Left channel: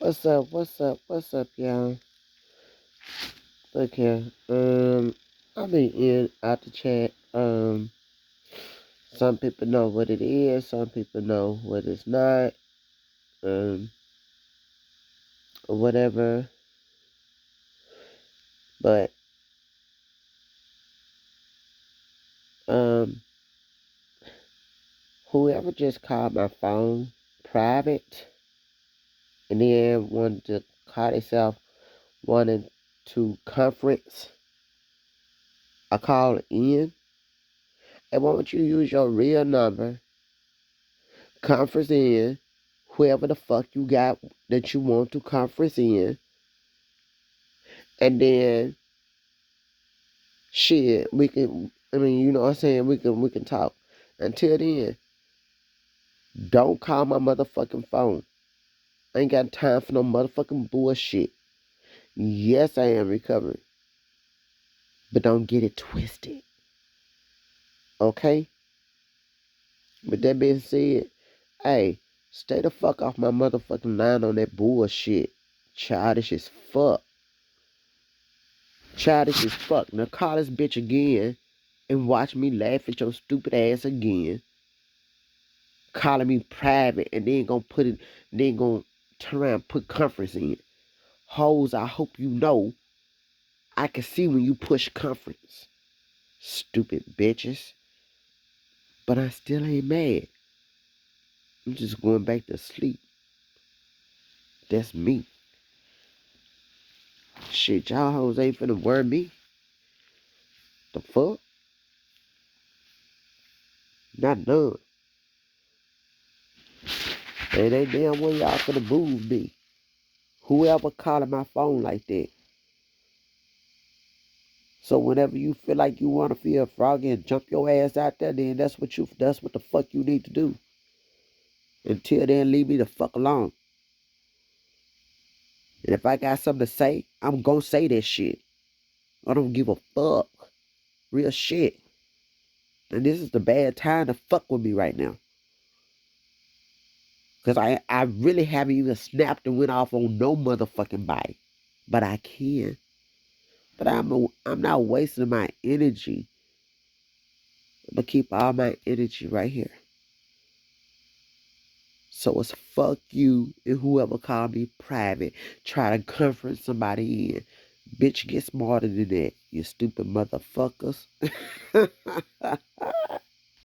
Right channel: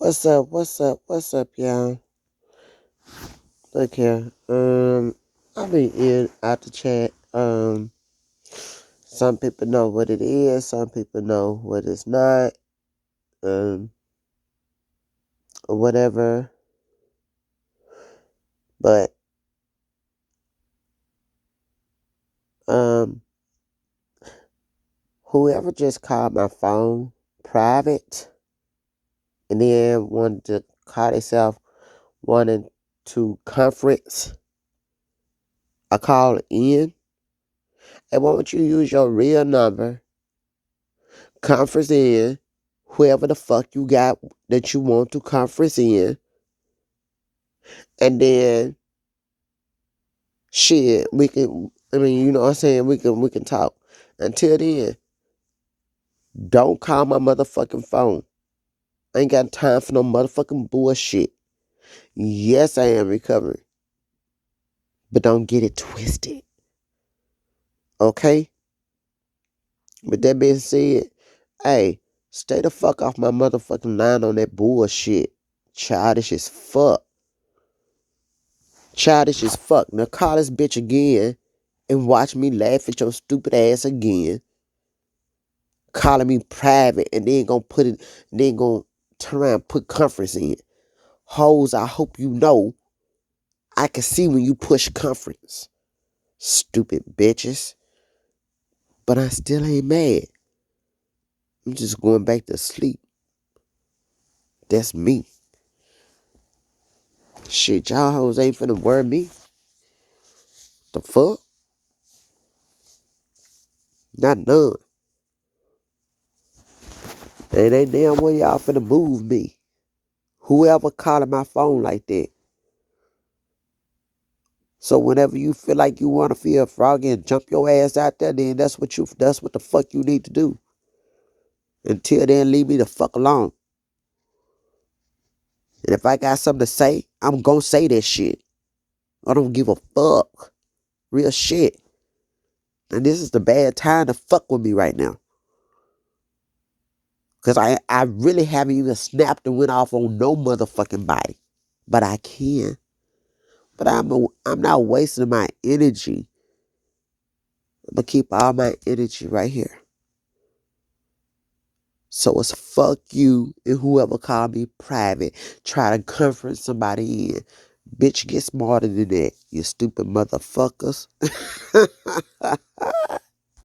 What's up? What's up? What's up, y'all? Look here. I be in out the chat. Some people know what it is. Some people know what it's not. Or whatever. But um, whoever just called my phone private and then wanted to call themselves wanting to conference, I call in. And why don't you use your real number, conference in, whoever the fuck you got that you want to conference in, and then shit, we can. I mean, you know what I'm saying. We can talk. Until then, don't call my motherfucking phone. I ain't got time for no motherfucking bullshit. Yes, I am recovering, but don't get it twisted, okay? With that being said, hey, stay the fuck off my motherfucking line on that bullshit. Childish as fuck. Childish as fuck. Now call this bitch again and watch me laugh at your stupid ass again. Calling me private and then gonna put it, then gonna turn around and put conference in. Hoes, I hope you know I can see when you push conference. Stupid bitches. But I still ain't mad. I'm just going back to sleep. That's me. Shit, y'all hoes ain't finna worry me. The fuck? Not none. And they damn well y'all finna move me. Whoever calling my phone like that. So whenever you feel like you wanna feel froggy and jump your ass out there, then that's what the fuck you need to do. Until then, leave me the fuck alone. And if I got something to say, I'm gonna say that shit. I don't give a fuck. Real shit. And this is the bad time to fuck with me right now. Because I really haven't even snapped and went off on no motherfucking body. But I can. But I'm not wasting my energy. I'm going to keep all my energy right here. So it's fuck you and whoever called me private. Try to comfort somebody in. Bitch, get smarter than that, you stupid motherfuckers.